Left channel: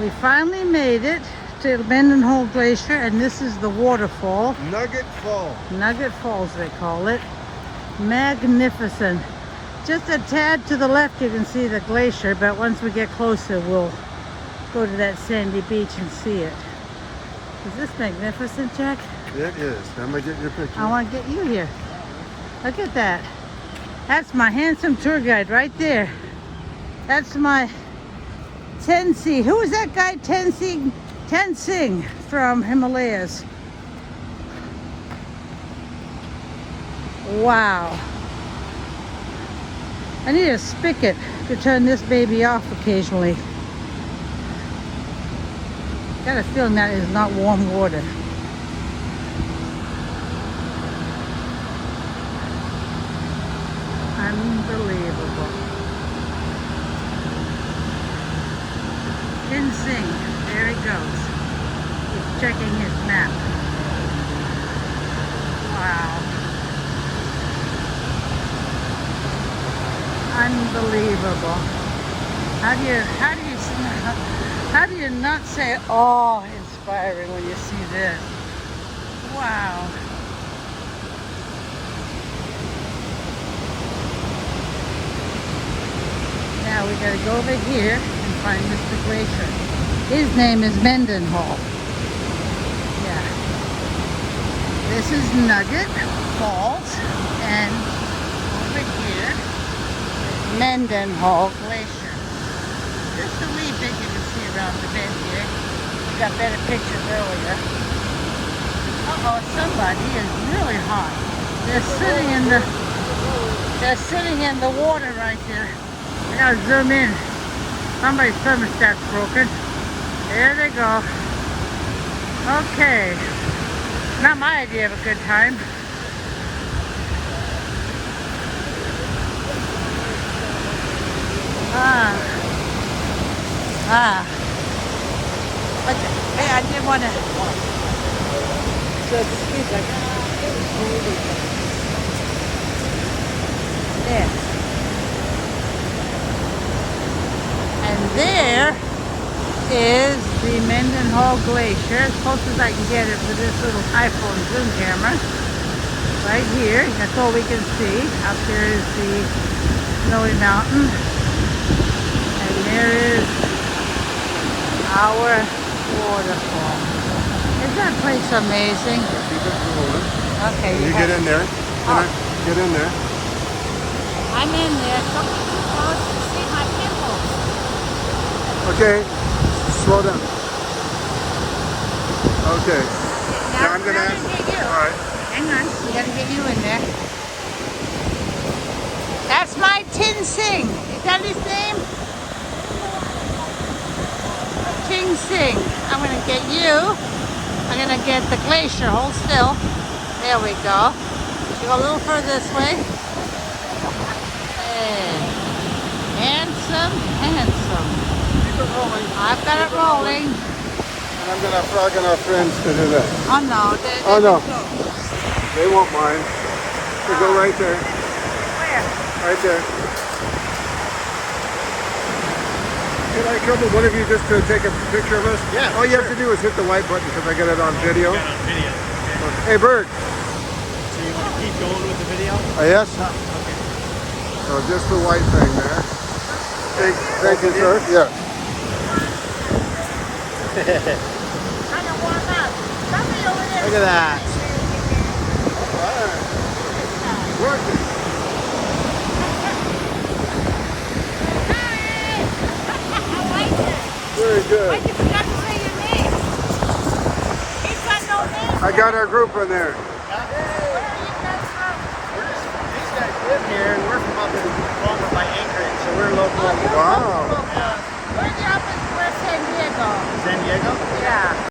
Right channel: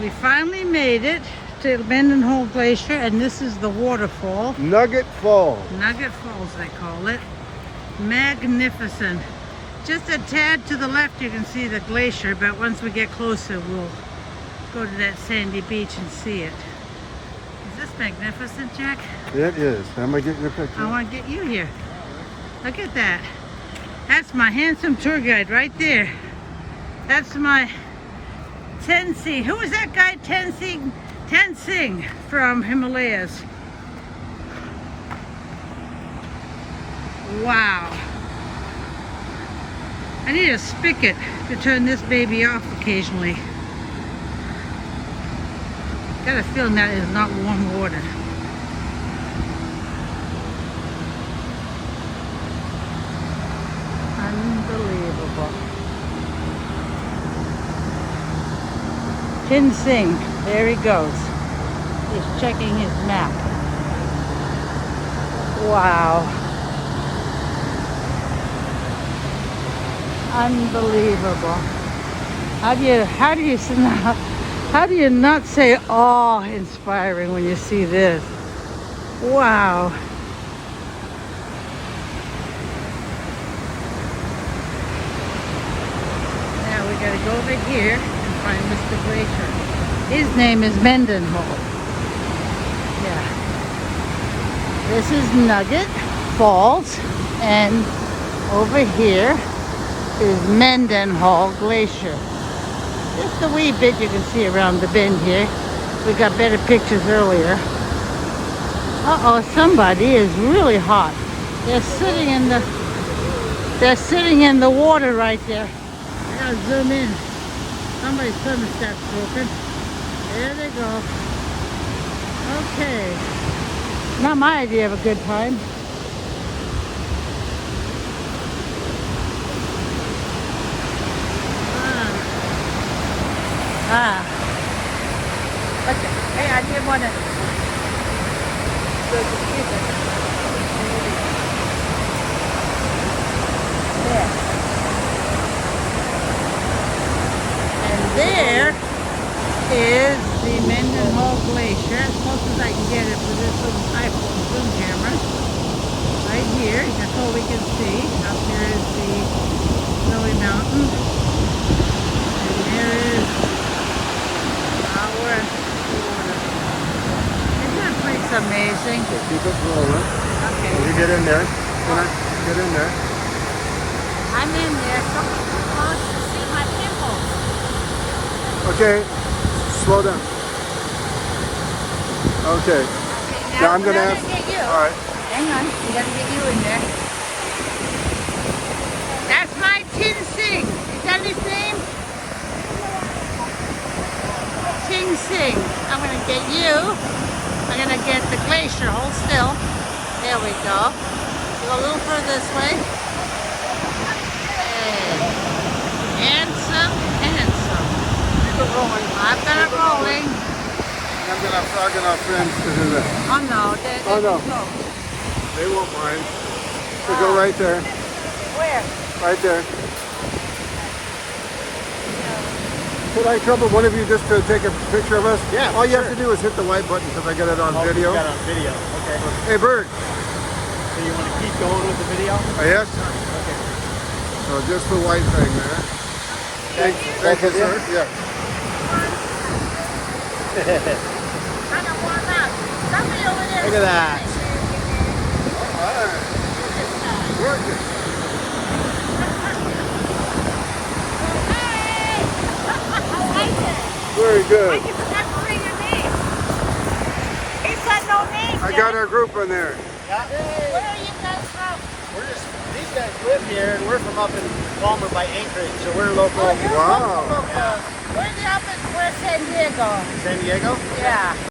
We finally made it to Mendenhall Glacier, and this is the waterfall. Nugget Fall. Nugget Falls, they call it. Magnificent. Just a tad to the left, you can see the glacier, but once we get closer, we'll go to that sandy beach and see it. Is this magnificent, Jack? It is. Let me get your picture. I want to get you here. Look at that. That's my handsome tour guide right there. That's my Tenzing. Who is that guy? Tenzing from Himalayas. Wow. I need a spigot to turn this baby off occasionally. Got a feeling that is not warm water. Unbelievable. Tenzing, there he goes. He's checking his map. Wow. Unbelievable. How do you not say awe-inspiring when you see this? Wow. Now we gotta go over here and find Mr. Glacier. His name is Mendenhall. Yeah. This is Nugget Falls, and over here is Mendenhall Glacier. Just a wee bit you can see around the bend here. We got better pictures earlier. Uh-oh, somebody is really hot. They're sitting in the water right there. I gotta zoom in. Somebody's thermostat's broken. There they go. Okay. Not my idea of a good time. Okay. Hey, I didn't want to. There. And there is the Mendenhall Glacier, as close as I can get it with this little iPhone zoom camera. Right here, that's all we can see. Up there is the snowy mountain. And there is our waterfall. Isn't that place amazing? Keep it rolling. Okay. You get in there. Can I get in there? I'm in there. Don't get too close to see my pimples. Okay. Slow down. Okay. Okay, Now I'm gonna we're ask. get you. All right. Hang on, we gotta get you in there. That's my Tenzing. Is that his name? Tenzing. I'm gonna get you. I'm gonna get the glacier. Hold still. There we go. You go a little further this way. And handsome, handsome. Keep it rolling. I've got it rolling. I'm gonna plug in our friends in there. Oh no, they're no. close. They won't mind. So go right there. Where? Right there. Could I trouble one of you just to take a picture of us? Yeah. All you have to do is hit the white button because I got it on video. Got it on video. Okay. Hey, Bird. So you want to keep going with the video? Yes? So just the white thing there. Thank you, sir. Yeah. Kind of warm up. Somebody over there. Look at that. All right. Working. Very good. Why'd you come up to your knee? He's got no knees. I got our group in there. Where are you guys from? These guys live here, and we're from up in Palmer by Anchorage, so we're local. Wow. Where's the up in San Diego? San Diego? Yeah.